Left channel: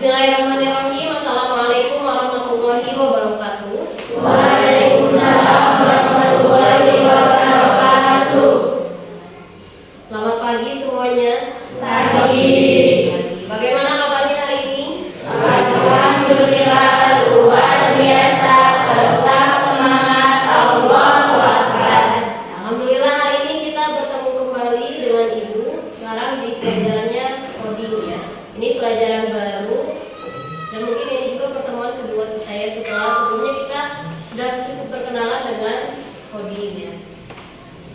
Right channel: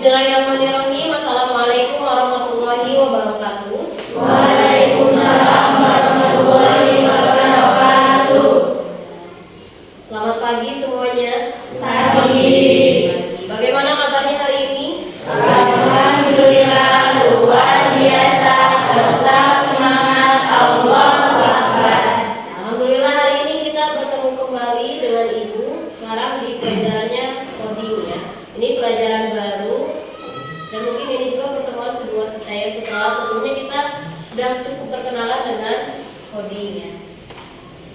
Bismillahirrahmanirrahim. Assalamualaikum warahmatullahi wabarakatuh. Waalaikumsalam warahmatullahi wabarakatuh. Selamat pagi semuanya. Pagi. Bagaimana kabarnya hari ini? Alhamdulillah luar biasa. Tetap semangat. Allahu Akbar. Alhamdulillah hari ini kita bertemu kembali dengan Ibu. Sekarang di pelajarannya coding ya. Ini pelajaran baru dan mungkin ini juga pertemuan kedua kita ya. Setelah sebelumnya kita sudah cukup berkenalan dengan coding ya.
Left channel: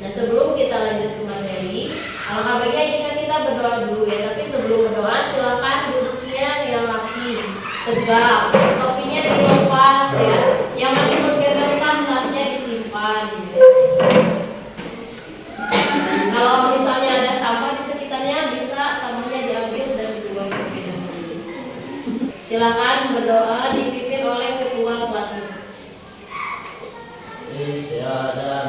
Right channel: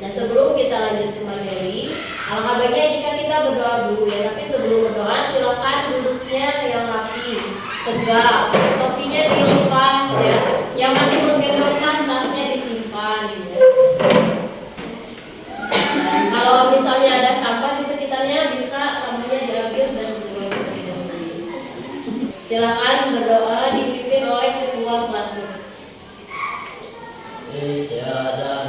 Nah, sebelum kita lanjut ke materi, alangkah baiknya jika kita berdoa dulu ya. Tapi sebelum berdoa silakan duduknya yang rapi, tegak, topinya dilepas ya. Yang masih menggendong tasnya disimpan gitu. Kalau misalnya ada sampah di sekitarnya, bisa sampahnya diambil dan dibuang di sepeda plastik. Silakan berdoa dipimpin oleh ketua kelasnya. Istiadat.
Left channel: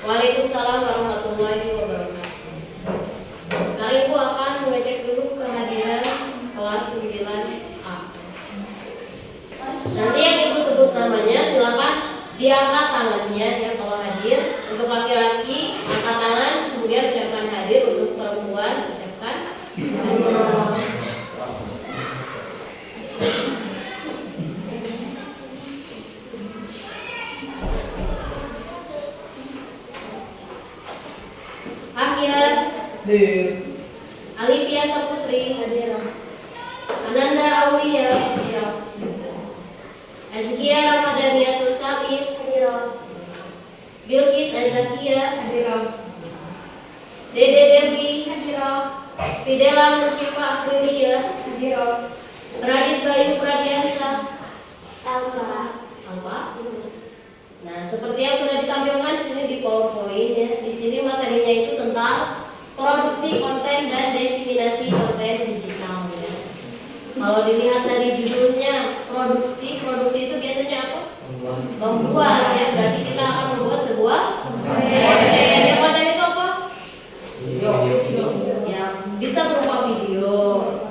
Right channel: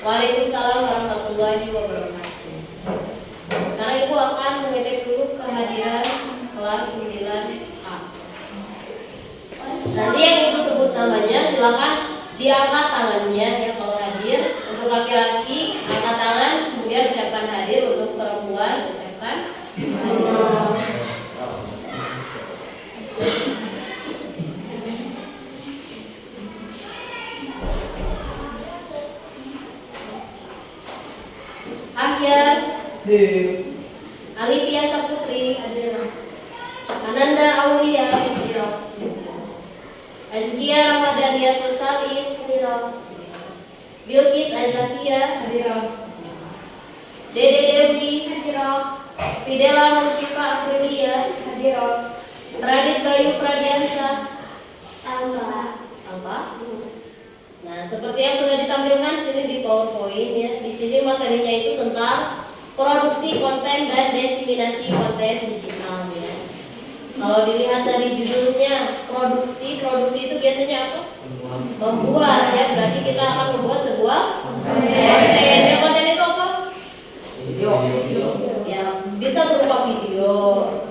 Waalaikumsalam warahmatullahi wabarakatuh. Sekarang Ibu akan mengecek dulu kehadiran kelas 9A. Nanti yang Ibu sebut namanya silakan diangkat tangannya ya kalau hadir. Untuk laki-laki angkat tangan, kemudian ucapkan hadir. Untuk perempuan ucapkan hadir. Ahyar Alivia Saputri hadir. Ananda Aulia hadir. Azkia Ramadhania Tusalis hadir. Bilkis Azakia hadir. Dede Dewi hadir. Fidela Nursyifa Aprilia hadir. Radit Bayu Pradiansa Alfa. Nah, seperti yang sudah ditampilkan di sini di PowerPoint ya. Di sini materinya itu tentang produksi konten dan diseminasi konten digital ya. Kalau dilihat dari judulnya produksi itu biasanya apa? Membuat ya. Berarti kita akan membuat sebuah konten. Ya, konten itu apa? Video. Ya, bisa berupa video.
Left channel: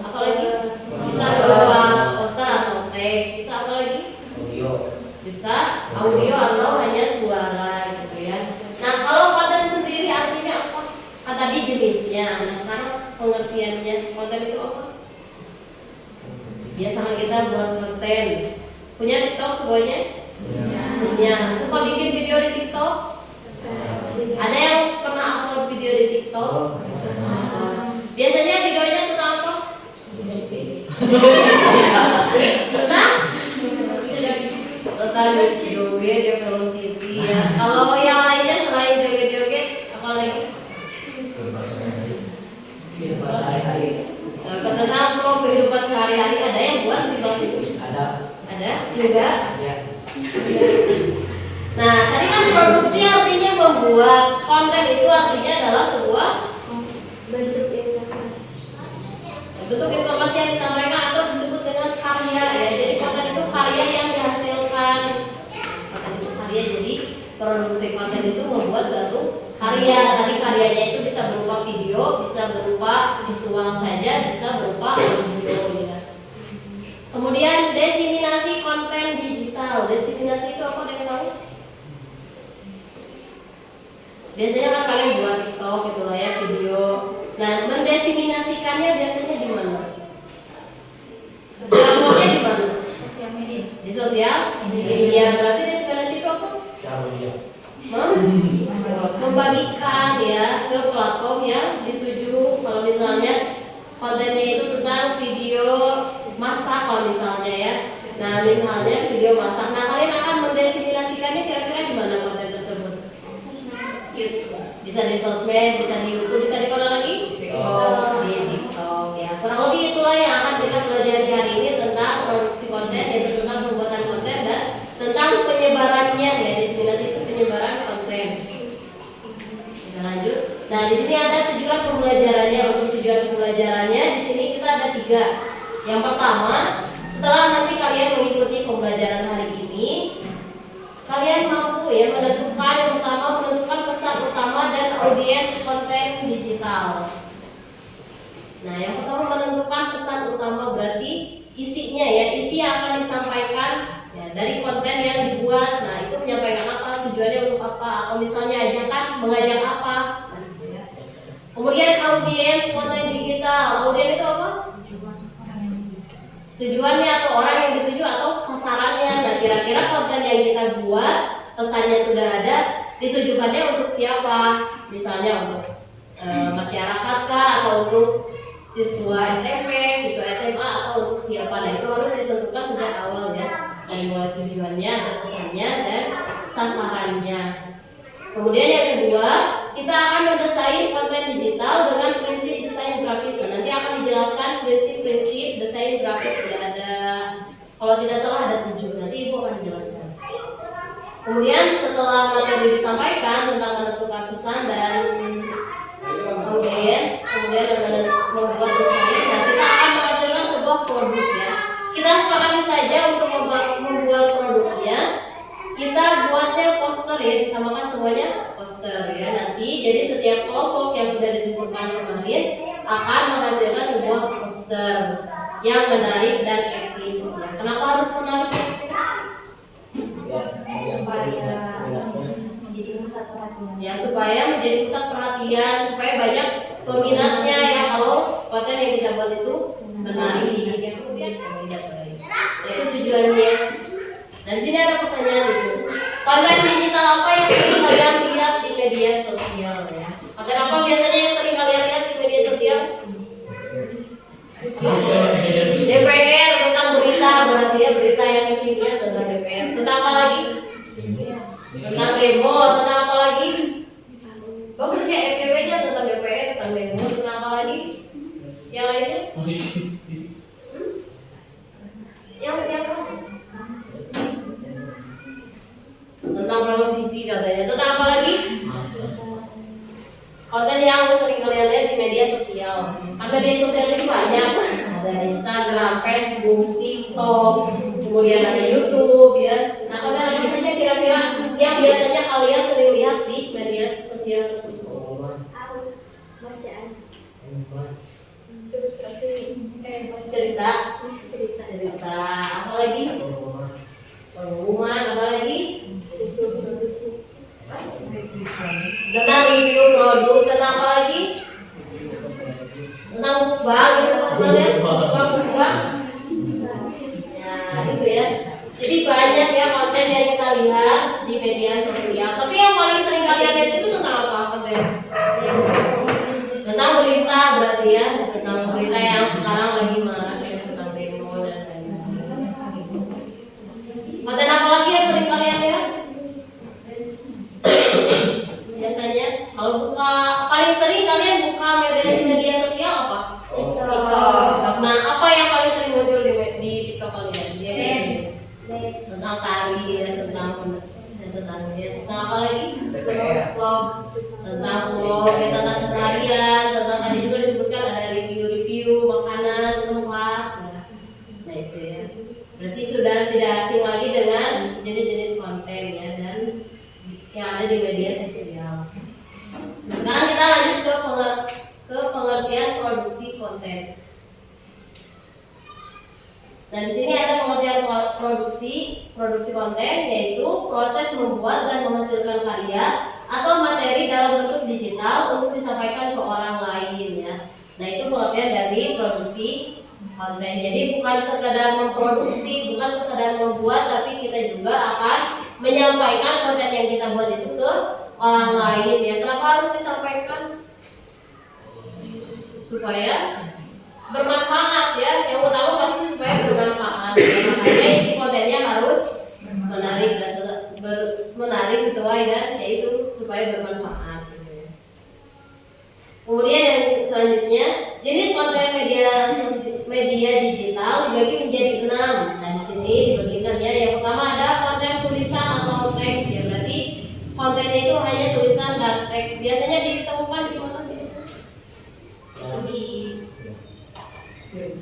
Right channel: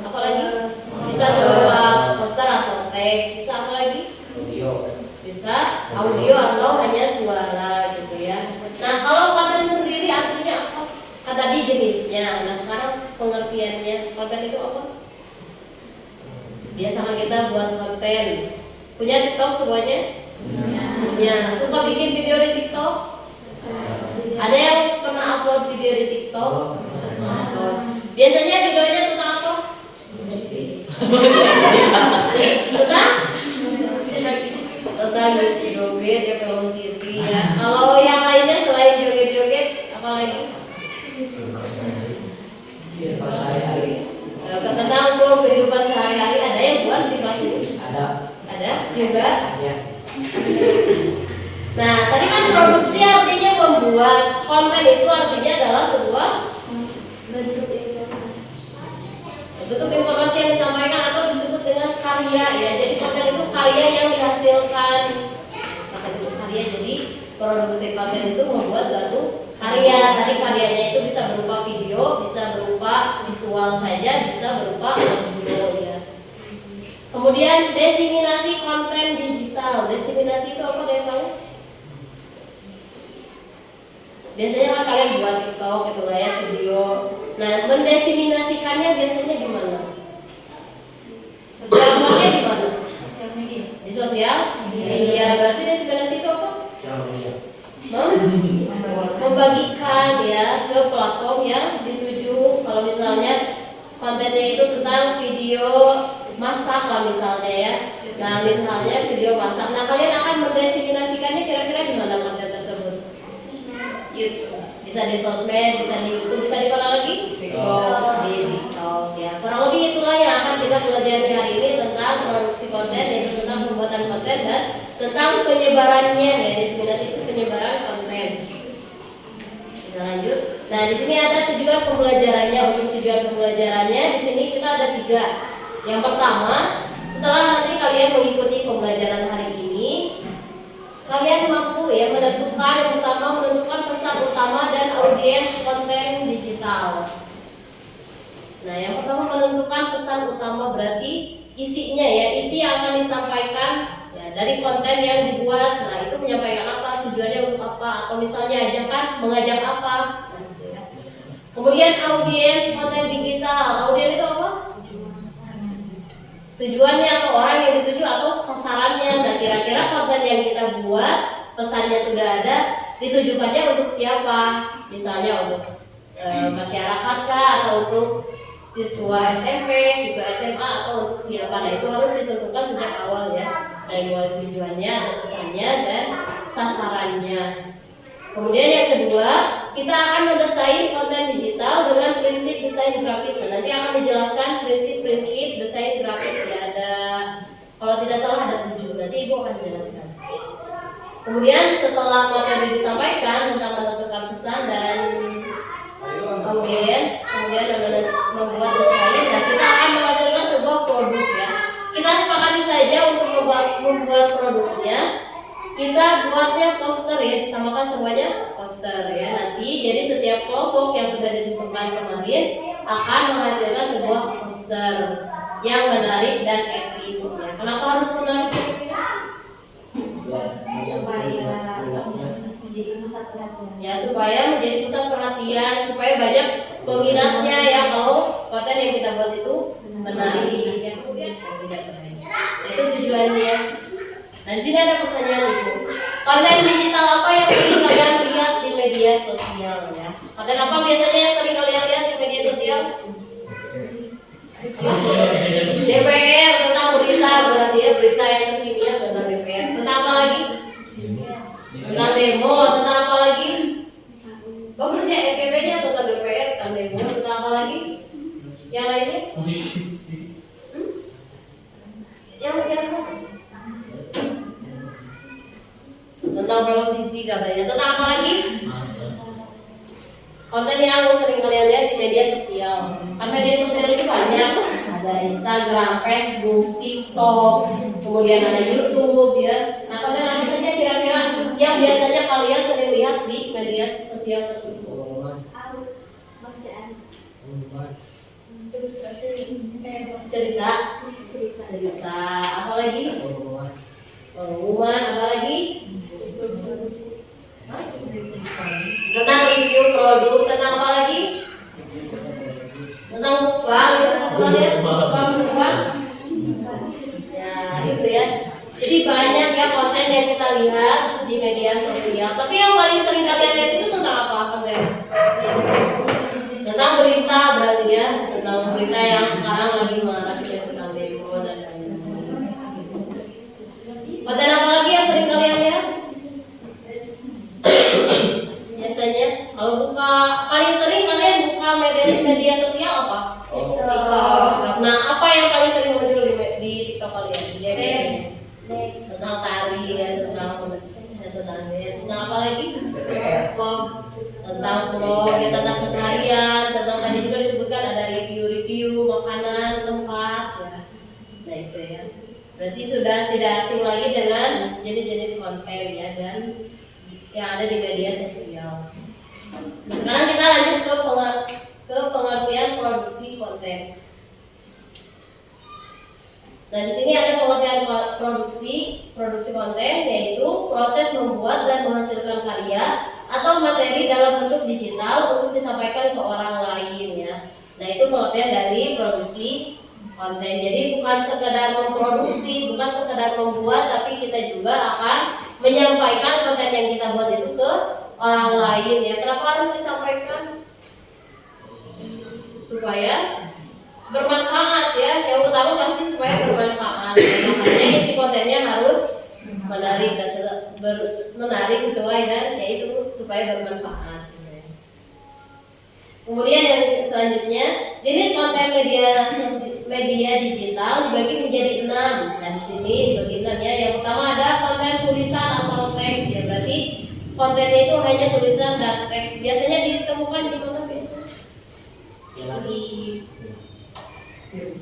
Apalagi bisa berupa poster atau teks. Bisa apa lagi? Bisa audio atau hanya suara gitu ya. Nah, kalau konten sendiri artinya apa? Kan tadi jenisnya. Nah, sekarang pengertiannya konten itu apa? Biasanya kita buat konten. Punya TikTok semuanya? Ya. Suka bikin video di TikTok? Ada yang pernah upload video di TikTok? Biasanya videonya tentang apa? Tentang joget ya, velocity ya. Kalau yang lainnya selain joget-joget apa lagi? Tentang vlog kehidupan sehari-hari. Ada yang buat di kelas itu? Ada juga. Nah, tadi kan produksi artinya membuat. Konten itu artinya adalah sebuah bentuk informasi yang disampaikan atau disebut dengan karya ya. Jadi konten itu karya yang dihasilkan. Konten itu karya, jadi produksi konten itu membuat suatu karya. Tadi karyanya itu bisa berupa video, bisa berupa visual saja, bisa berupa audio ya. Kemudian diseminasi konten digital. digital. Diseminasi itu apa, ada yang tahu? Biasanya kan kalian buat TikTok gitu lah ya, video. Nah, mendesiminasikannya biasanya di mana? Contohnya di mana? Sosial media. Di sosial media. Berarti desiminasi itu apa? Membagikan ya ke platform yang dituju. Kalau misalnya kontennya itu tentang video masak lah misalnya ya. Nah, misalnya video masak. Nah, kalian akan mendesiminasikannya kira-kira di mana konten tersebut? YouTube. Bisa di sosmed, bisa di YouTube, bisa di mana lagi? TikTok, di TikTok ya. Kurang lebih itulah yang akan kita pelajari hari ini tentang produksi konten, yaitu tentang pembuatan konten dan tentang penyebarannya ya. Desiminasi itu penyebaran konten. Kita lanjut. Nah, di sini ada tujuan pembelajarannya. Untuk tujuan pembelajarannya di sini kita ada 3. Yang pertama, setelah nanti kalian mengikuti pembelajaran hari ini, kalian mampu ya menentukan, yang pertama menentukan pesan utama dan audiens konten digital. Nah, yang pertama menentukan pesan utama berarti isinya ya, isi yang akan disampaikan ya dari konten yang dibuat. Nah, itu menyampaikan apa, tujuannya untuk apa, atau misalnya ajakan mengajak apa. Nah, gitu ya. Kemudian audiens konten digital. Audiens itu apa? Tujuannya atau orang yang dituju atau sasarannya. Nah, kira-kira konten yang kita buat, pesannya sudah ada, ditujukannya untuk siapa? Misalnya untuk masyarakat kah, atau untuk siswa SMP, siswa SMA, atau untuk siapa? Nah, itu harus ditentukan sejak awal ya, dari mulai tujuannya, pesannya, dan sasarannya. Kemudian yang kedua, kita akan mendesain konten digital dengan prinsip desain grafis. Nah, nanti akan dijelaskan prinsip-prinsip desain grafis ya. Ada, kalau tidak salah ada 7. Nanti Ibu akan jelaskan. Kemudian setelah materi disampaikan tentang menentukan pesan dan audiens, kemudian membuat desain, nah kita akan menghasilkan sebuah produk ya. Kita sepakati saja untuk membuat produknya. Kita buatnya poster ya, disamakan semuanya poster ya. Nanti jadi setiap kelompok yang sudah ditentukan kemarin akan menghasilkan sebuah poster yang menarik dan etis ya. Kenapa harus menarik? Supaya menjadi pusat perhatian. Ya, supaya menjadi pusat perhatian, supaya banyak peminatnya ya kalau konten yang kita buat itu menarik ya. Kemudian tidak baik. Itu tujuannya. Nah, di sini ada pertanyaan itu. Konten digital apa yang sering kalian lihat di media sosial ya? Konten apa biasanya yang sering kalian lihat di media sosial? DPR, tentang berita, berarti ya berita yang sering lihat tentang DPR. Tentang apa lagi? Tentang demo, tentang apa lagi? Bagus ya EPW-nya tentang DPR, tentang demo, tentang apa lagi? Yang lainnya? Yang apa sih? Tentang velocity katanya. Tentang apa lagi? Konten yang sering kalian lihat di media sosial. Kan media sosial itu banyak. Ada Instagram, Facebook, TikTok, kemudian ada YouTube ya. Nah, konten apa saja kira-kira yang biasanya kalian sering lihat di media sosial tersebut? Bacaan. Ilustrasi. Cerita. Apa lagi? Pengumuman. Apa lagi? Tentang review produk. Tentang apa lagi? Tentang mukbang. Pernah lihat mukbang? Ya, itu ya. Jadi banyak ya konten yang kita lihat di media sosial. Tapi yang paling sering kalian lihat itu tentang apa konten? Tentang berita berarti ya. Tentang berita yang sekarang lagi marak ya, tentang demo dan lain-lain. Konten apa lagi yang sering kalian lihat? Biasanya kalau buka, paling sering kalian buka media sosial apa? TikTok. Nah, apa yang paling sering muncul di TikTok kalian? Tentang tari ya, tentang apa lagi? Vlog. Tentang vlog, ya, tentang keseharian, tentang tadi juga disebutkan ada review makanan, tempat ya. Nah, itu ya. Berarti sudah tidak asing lagi dengan jenis-jenis konten ya, dan yang ada di media sosial. Nah, sekarang kita lanjut ke pengertian produksi konten. Nah, di sini ada pengertian produksi konten, yaitu proses membuat dan menghasilkan karya atau materi dalam bentuk digital untuk disampaikan ke orang lain ya. Nah, itu pengertian dari produksi konten. Jadi bukan sekedar memproduksi, bukan sekedar membuat, tapi kita juga akan menyampaikan konten yang kita buat itu ke orang lain ya. Kenapa harus disampaikan? Supaya bermanfaat ya. Yang utama pasti supaya bermanfaat. Makanya isi kontennya harus menarik dan menarik sesuai dan yaitu supaya bermanfaat. Kemudian yang selanjutnya, jenis konten media digital dibagi menjadi 6. Nah, di sini dibagi 6 ya. Yang pertama ada konten tulisan atau teks ya. Berarti kontennya itu hanya tulisan dan teks. Biasanya ditemukan di mana biasanya?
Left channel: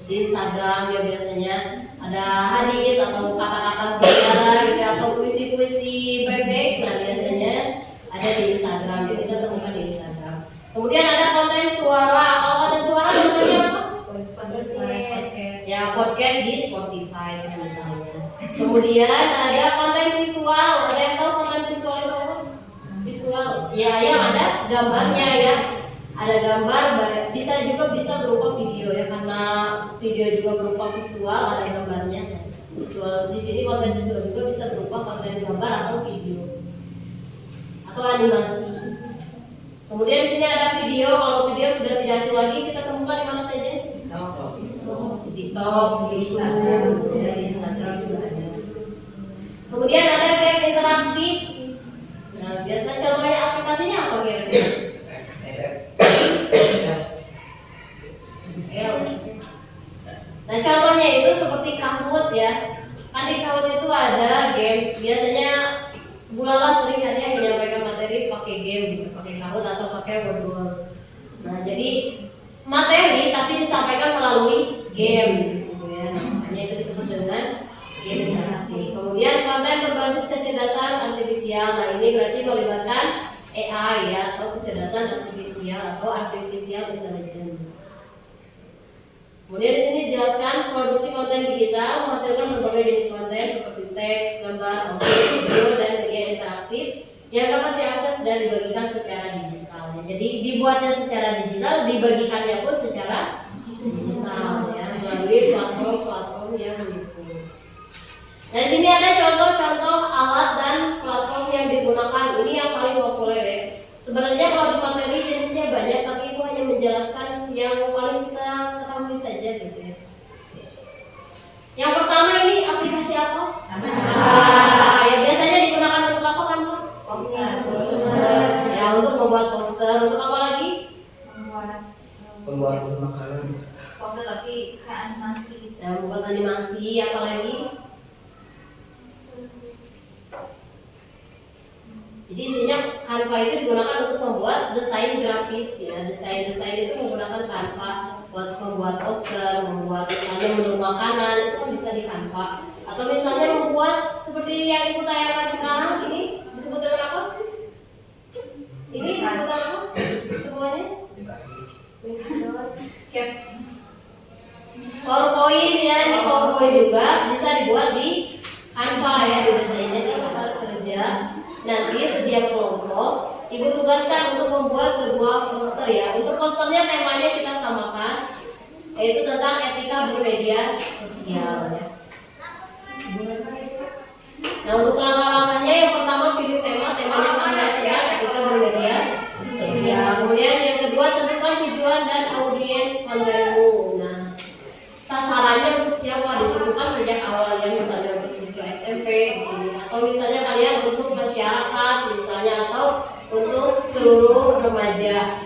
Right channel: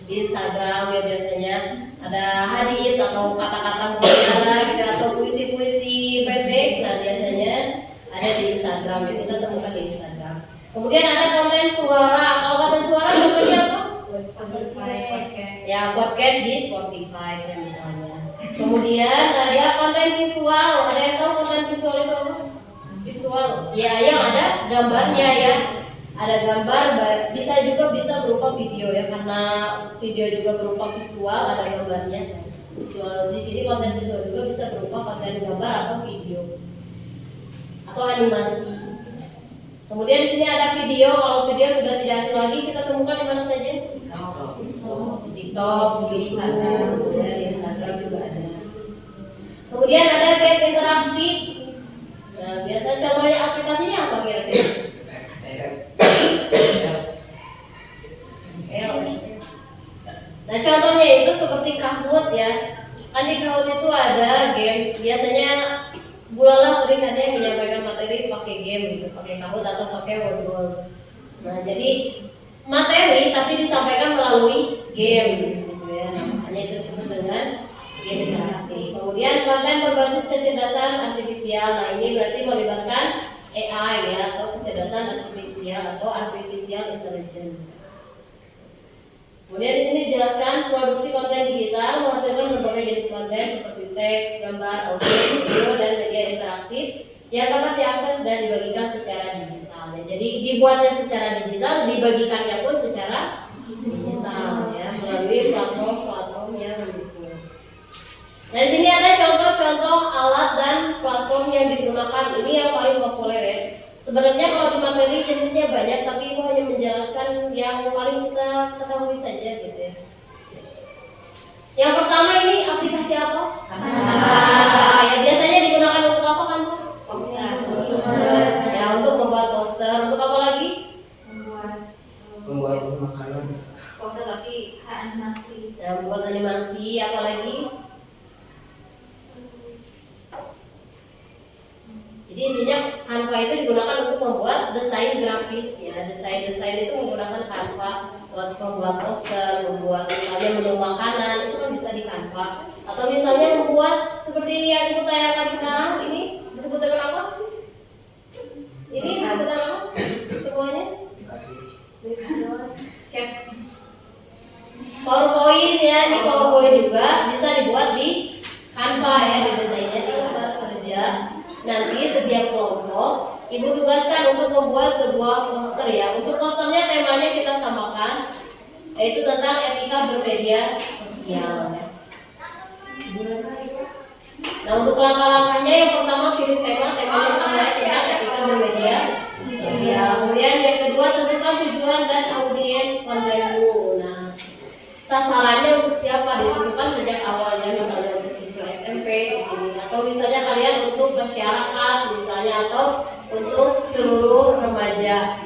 Di Instagram ya, biasanya ada hadis atau kata-kata mutiara gitu, atau puisi-puisi pendek. Nah, biasanya ada di Instagram ya, kita temukan di Instagram. Kemudian ada konten suara. Kalau konten suara sebenarnya apa? Spotify, podcast. Ya, podcast di Spotify ya misalnya. Kemudian ada konten visual. Ada yang tahu konten visual itu apa? Visual ya, yang ada gambarnya ya. Ada gambar, bisa berupa video ya, karena video juga berupa visual, ada gambarnya. Visual di sini konten visual juga bisa berupa konten gambar atau video atau animasi. Kemudian di sini ada video. Kalau video sudah tidak asing lagi, kita temukan di mana saja? Di TikTok, di YouTube, ya, di Instagram juga ada. Kemudian ada game interaktif. Nah, biasanya contohnya aplikasinya apa kira-kira? Nah, contohnya itu seperti Kahoot ya. Kan di Kahoot itu ada games. Biasanya Bulala sering ada yang menyampaikan materi pakai game gitu, pakai Kahoot atau pakai Word. Nah, jadi materi tapi disampaikan melalui game gitu ya. Makanya itu disebut dengan game interaktif. Kemudian konten berbasis kecerdasan artifisial. Nah, ini berarti melibatkan AI ya, atau kecerdasan artifisial atau artificial intelligence. Kemudian di sini dijelaskan produksi konten digital menghasilkan berbagai jenis konten seperti teks, gambar, audio, video, dan media interaktif yang dapat diakses dan dibagikan secara digital. Jadi dibuatnya secara digital, dibagikannya pun secara digital ya, melalui platform yang mendukung. Nah, di sini ada contoh-contoh alat dan platform yang digunakan. Ini yang paling populer ya. Sebenarnya kalau di materi jenisnya banyak, tapi Ibu hanya menjelaskan yang paling kita ketahui saja gitu ya. Yang pertama ini aplikasi apa? Ya, biasanya digunakan untuk apa kan Bu? Poster. Ya, untuk membuat poster. Untuk apa lagi? Membuat makanan. Poster tapi kayak animasi. Ya, membuat animasi. Apa lagi? Jadi intinya Canva itu digunakan untuk membuat desain grafis ya. Desain itu menggunakan Canva buat membuat poster, membuat misalnya menu makanan, itu kan bisa di Canva. Atau misalnya membuat seperti yang Ibu tayangkan sekarang ini disebut dengan apa sih? Ini disebut dengan apa? Semuanya? PowerPoint ya, ini PowerPoint juga bisa dibuat di Canva ya, di desainnya di tempat kerja. Nanti setiap kelompok Ibu tugaskan untuk membuat sebuah poster ya. Untuk posternya temanya kita samakan, yaitu tentang etika bermedia sosial ya. Nah, untuk langkah-langkahnya yang pertama pilih temanya sama ya, tentang etika bermedia sosial. Kemudian yang kedua tentukan tujuan dan audiens kontenmu. Nah, sasarannya untuk siapa ditentukan sejak awalnya, misalnya untuk siswa SMP di sini, atau misalnya kalian untuk masyarakat misalnya, atau untuk seluruh remaja.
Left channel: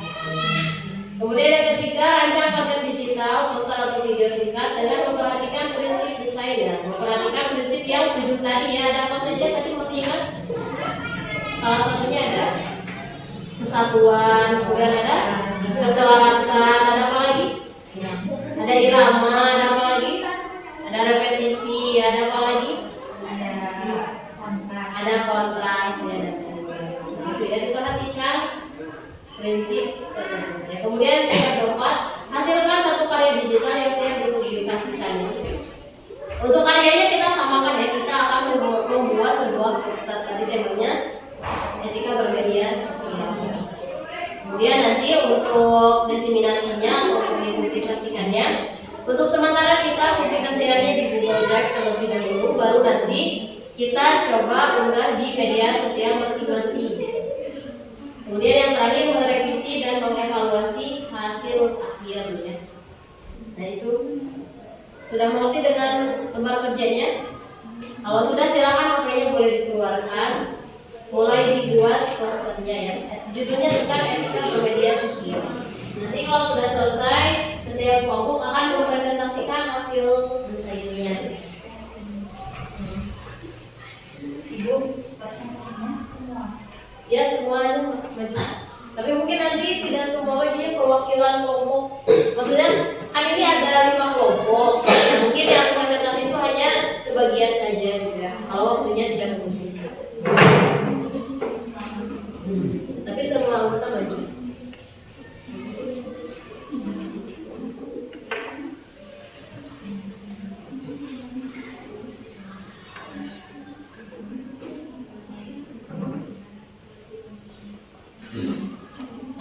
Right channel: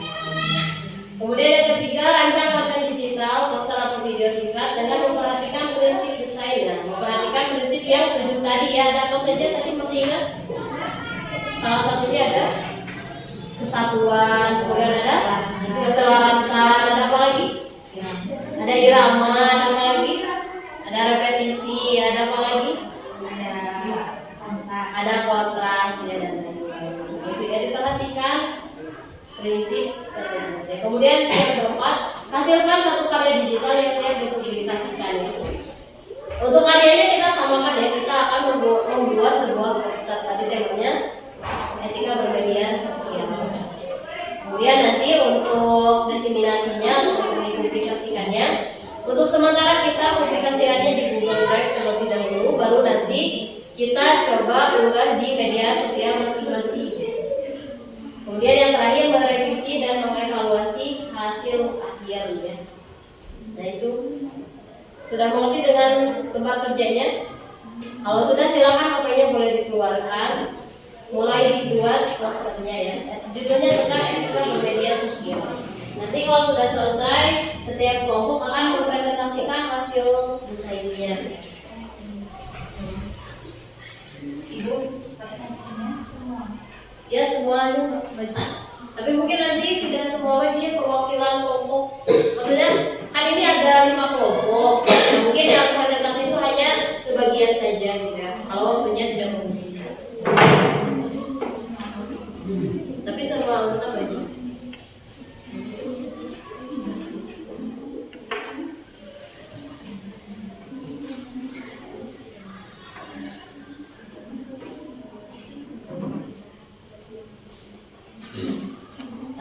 Kemudian yang ketiga, rancang konten digital, poster atau video singkat dengan memperhatikan prinsip desain dan memperhatikan prinsip yang 7 tadi ya. Ada apa saja tadi, masih ingat? Salah satunya ada kesatuan, kemudian ada keselarasan, ada apa lagi? Ada irama, ada apa lagi? Ada repetisi, ada apa lagi? Ada kontras ya, dan lain-lain. Gitu ya, diperhatikan prinsip tersebut. Ya, kemudian yang keempat, hasilkan satu karya digital yang siap dipublikasikan. akan membuat sebuah poster. Tadi temanya etika bermedia sosial. Kemudian nanti untuk diseminasinya atau untuk dipublikasikannya, untuk sementara kita publikasikannya di Google Drive terlebih dahulu, baru nanti kita coba unggah di media sosial masing-masing. Kemudian yang terakhir merevisi dan mengevaluasi hasil akhir ya. Nah itu sudah mengerti dengan lembar kerjanya? Kalau sudah silakan pokoknya boleh dikeluarkan. Mulai dibuat posternya ya. Judulnya tentang etika bermedia sosial. Nanti kalau sudah selesai, setiap kelompok akan mempresentasikan hasil desainnya. Ibu, Presentasinya semua. ya semuanya. Tapi mungkin nanti tidak semua bagian perwakilan kelompok. Maksudnya kan ini ada 5 kelompok. Mungkin yang presentasi itu hanya sebagian saja gitu ya. Kalau waktunya tidak memungkinkan. Tapi semua anggota baju.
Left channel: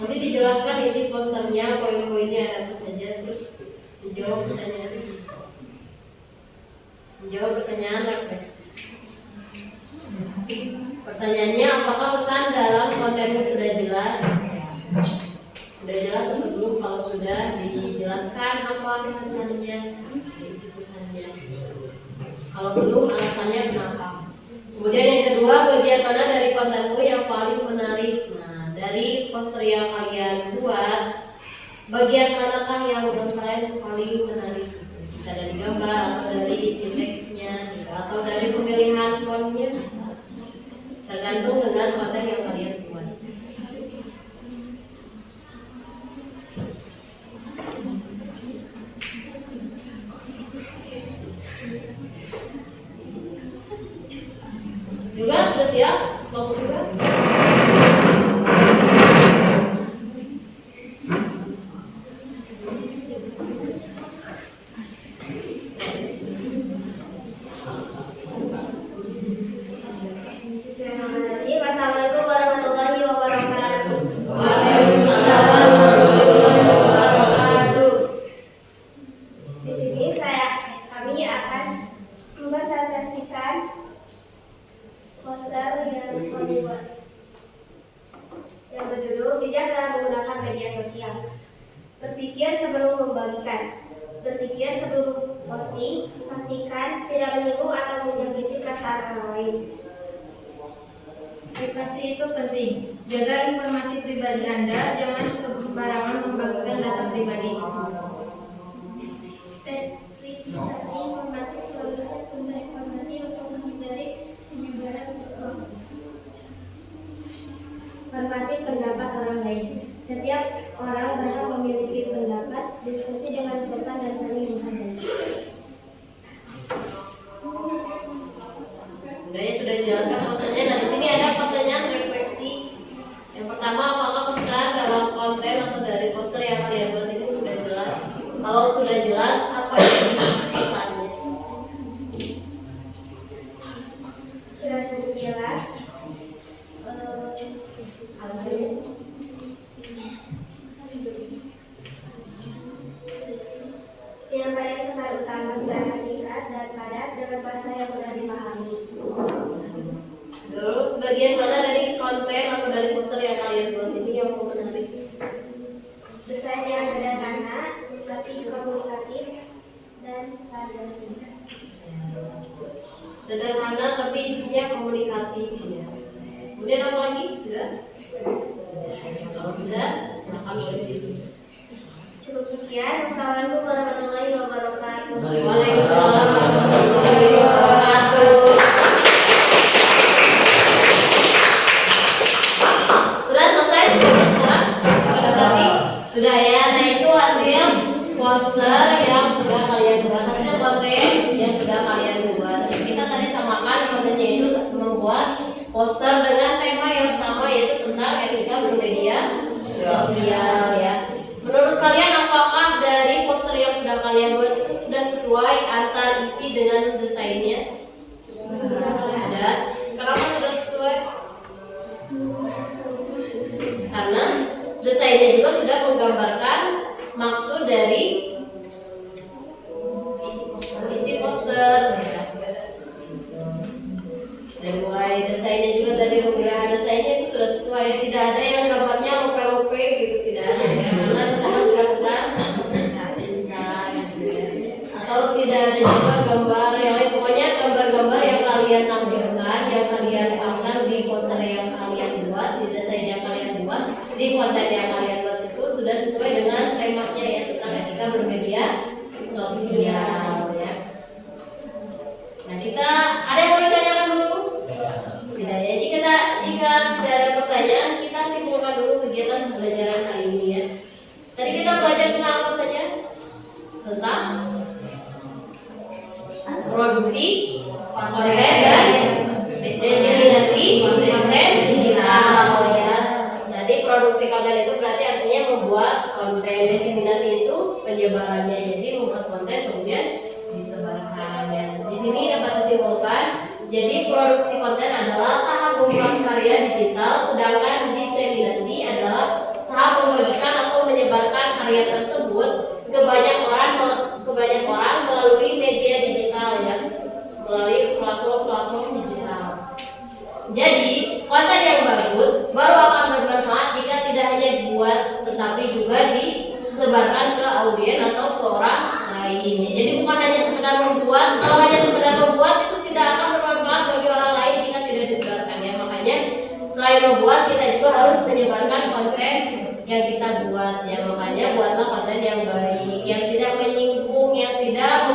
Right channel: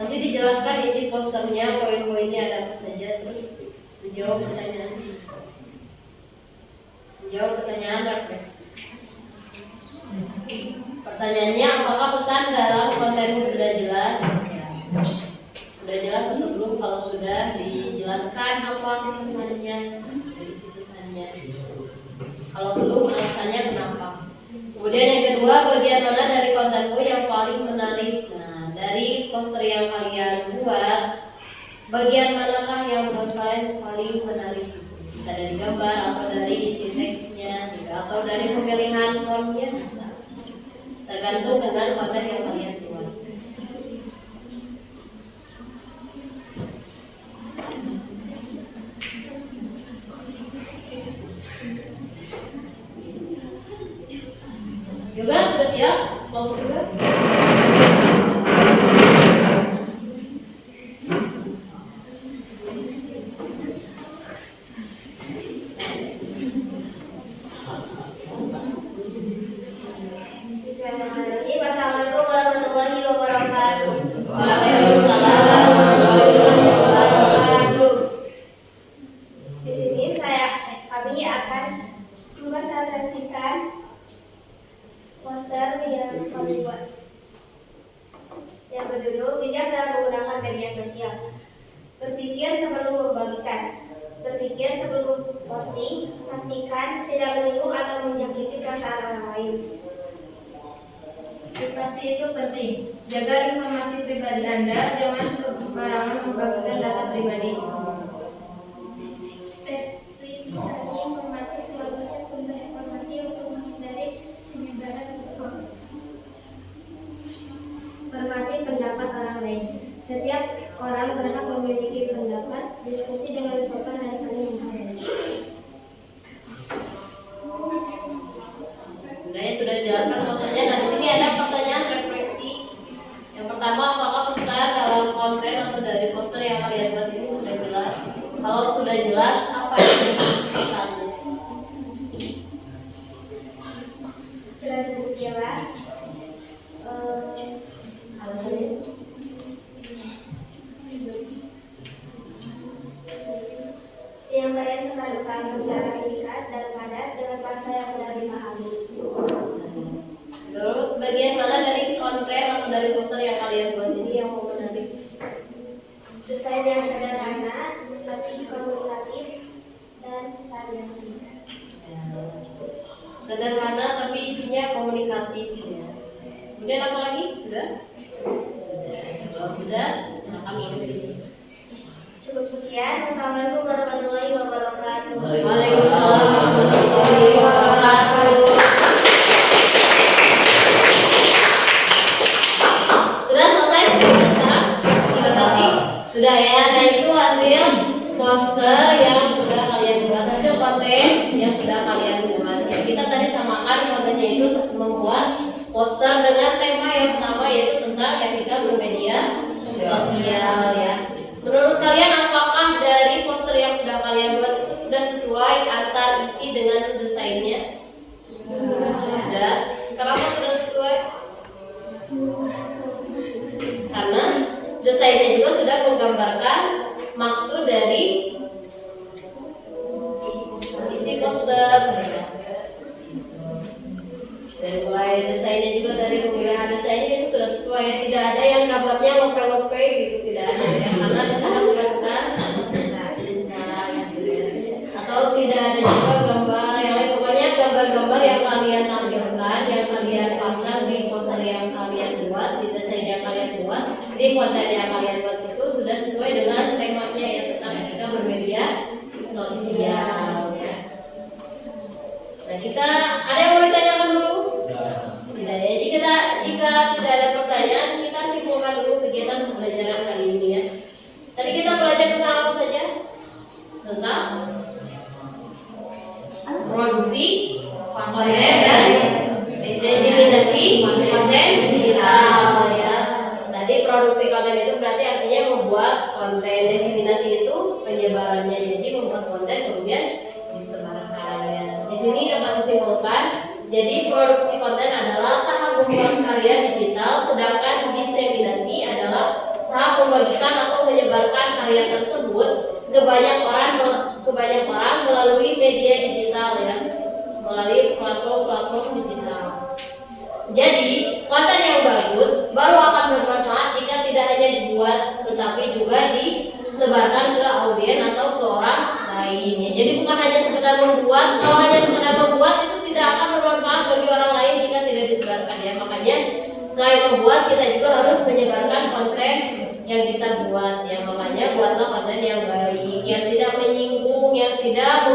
Nanti dijelaskan isi posternya, poin-poinnya ada apa saja, terus menjawab pertanyaan. Menjawab pertanyaan refleksi. Pertanyaannya, apakah pesan dalam kontenmu sudah jelas? Sudah jelas atau belum? Kalau sudah, dijelaskan apa pesannya, isi pesannya. Kalau belum, alasannya kenapa. Kemudian yang kedua, bagian mana dari kontenmu yang paling menarik? Nah, dari poster yang kalian buat, bagian manakah yang menurut kalian paling menarik? Bisa dari gambar atau dari isi teksnya, atau dari pemilihan fontnya, bisa. Tergantung dengan konten yang kalian buat. Juga sudah siap? Kelompok juga? Bismillahirrahmanirrahim. Assalamualaikum warahmatullahi wabarakatuh. Waalaikumsalam warahmatullahi wabarakatuh. Di sini kami akan mempresentasikan poster yang kami buat, yang berjudul bijak dalam menggunakan media sosial. Berpikir sebelum membagikan, berpikir sebelum posting, pastikan tidak menyinggung atau menyakiti perasaan orang lain. Privasi itu penting. Jaga informasi pribadi Anda, jangan sembarangan membagikan data pribadi. Verifikasi informasi seluruhnya sumber informasi untuk menghindari penyebaran hoax. Hormati pendapat orang lain. Setiap orang berhak memiliki pendapat, diskusi dengan sopan dan saling menghargai. Sudah dijelaskan maksudnya. Nah, di sini ada pertanyaan refleksi. Yang pertama, apakah pesan dalam konten atau dari poster yang kalian buat ini sudah jelas? Kalau sudah jelas, apa yang pesannya? Sudah cukup jelas. Alasannya? Penyampaian pesan utama secara singkat dan padat dengan bahasa yang mudah dipahami. Terus bagian mana dari konten atau dari poster yang kalian buat ini yang mau menarik? Desain yang sederhana, tapi komunikatif dan pesan yang singkat. Sederhana tapi isinya komunikatif ya. Kemudian apa lagi? Sudah? Kalau sudah, silakan boleh. Cukup sekian. Wassalamualaikum warahmatullahi wabarakatuh. Waalaikumsalam warahmatullahi wabarakatuh. Sudah selesai sekarang? Presentasi? Sudah ya. Nah itu hasil poster yang sudah kalian buat, hasil konten yang sudah kalian buat. Ya, kita tadi samakan kontennya itu membuat poster dengan tema yang sama, yaitu tentang etika bermedia sosial ya. Menurut kalian apakah dari poster yang sudah kalian buat itu sudah sesuai antar isi dengan desainnya? Sudah. Kenapa sudah sesuai? Karena desainnya juga sudah menggambarkan maksud dari isi poster. Dan mulai desainnya juga tadi rupiah desainnya itu sudah sesuai ya. Tidak ada yang gambarnya lope-lope gitu, tidak ada ya. Karena di sana juga kita cinta gitu ya. Atau tidak ada juga gambar yang lain, pokoknya gambar-gambar yang kalian tampilkan, yang kalian pasang di poster yang kalian buat, di desain yang kalian buat, di konten yang kalian buat itu sudah sesuai dengan temanya ya, tentang etika bermedia sosial ya. Nah, kita ada yang mau ditanyakan dulu? Tidak ya. Jika tidak ada pertanyaan, kita simpulkan dulu kegiatan pembelajaran kali ini ya. Tadi kita belajar tentang apa saja? Tentang produksi konten dan diseminasi konten digital ya. Tadi produksi konten itu berarti artinya membuat konten, diseminasi itu penyebarannya, jadi membuat konten kemudian disebarkan ya. Di sini dapat disimpulkan, jadi produksi konten adalah tahap membuat karya digital, sedangkan diseminasi adalah tahap membagikan atau menyebarkan karya tersebut ke banyak orang melalui media digital ya, melalui platform digital. Jadi konten yang bagus baru akan bermanfaat jika tidak hanya dibuat tetapi juga disebarkan ke audiens atau ke orang lain ya. Jadi bukan hanya sekedar membuat, kalau hanya sekedar membuat itu tidak akan bermanfaat bagi orang lain jika tidak disebarkan ya. Makanya selain membuat, kita juga harus menyebarkan konten yang kita buat ya. Makanya buatlah konten yang baik, yang tidak menyinggung, yang tidak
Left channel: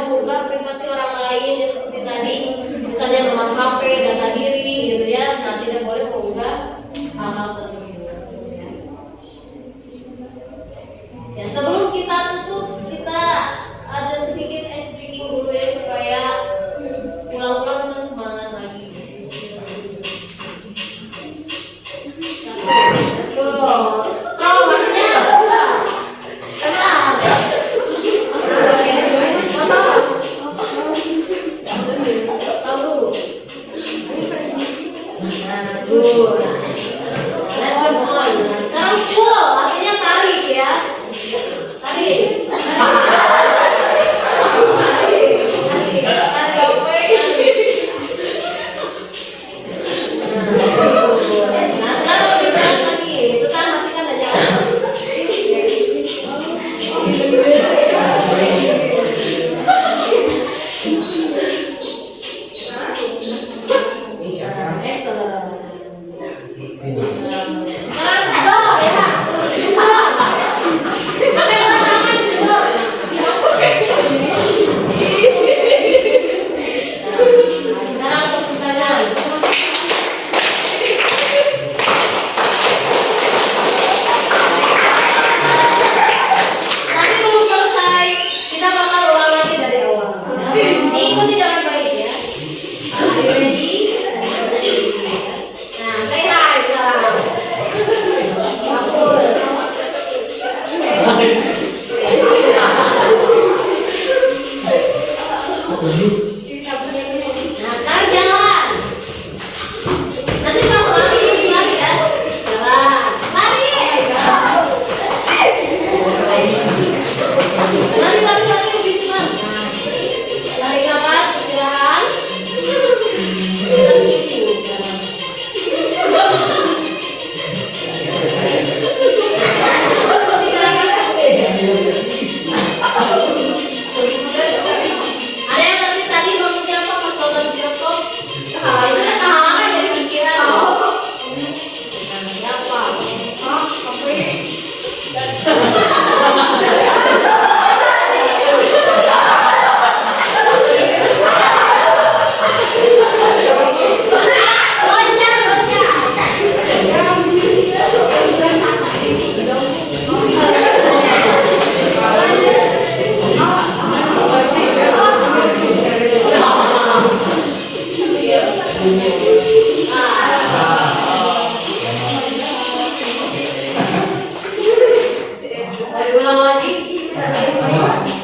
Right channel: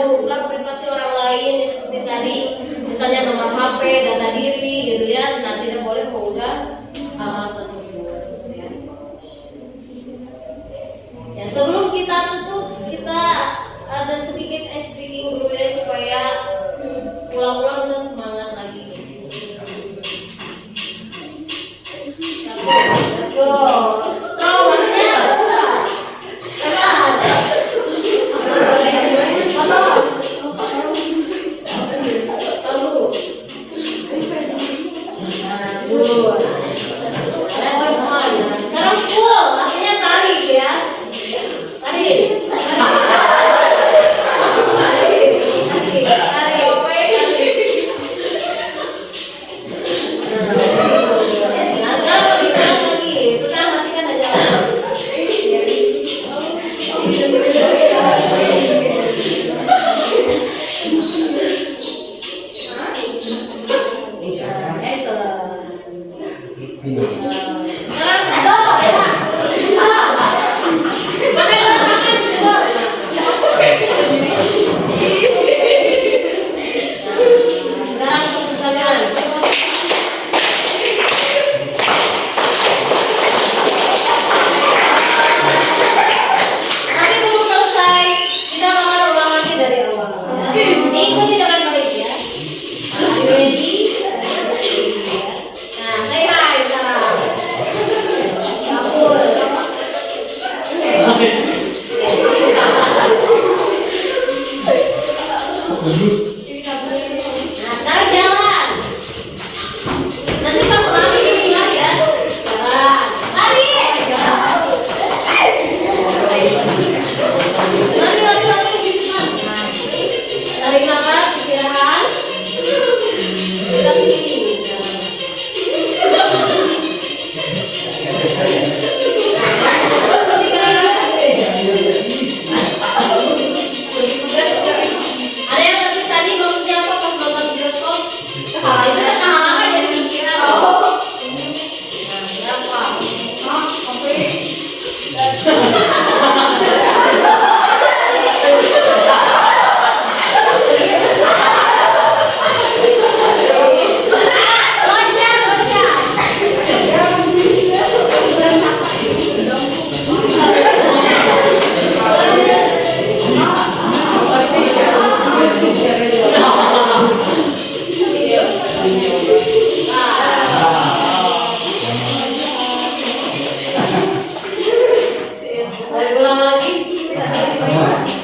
menggugah privasi orang lain ya, seperti tadi misalnya nomor HP, data diri gitu ya. Nah, tidak boleh mengunggah hal-hal tersebut ya. Ya, sebelum kita tutup, kita ada sedikit ice breaking dulu ya, supaya pulang-pulang kita semangat lagi. Let's go. Strong maksudnya. Sekarang full, artinya tarik ya. Tarik.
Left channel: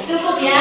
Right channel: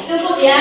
Cukup ya.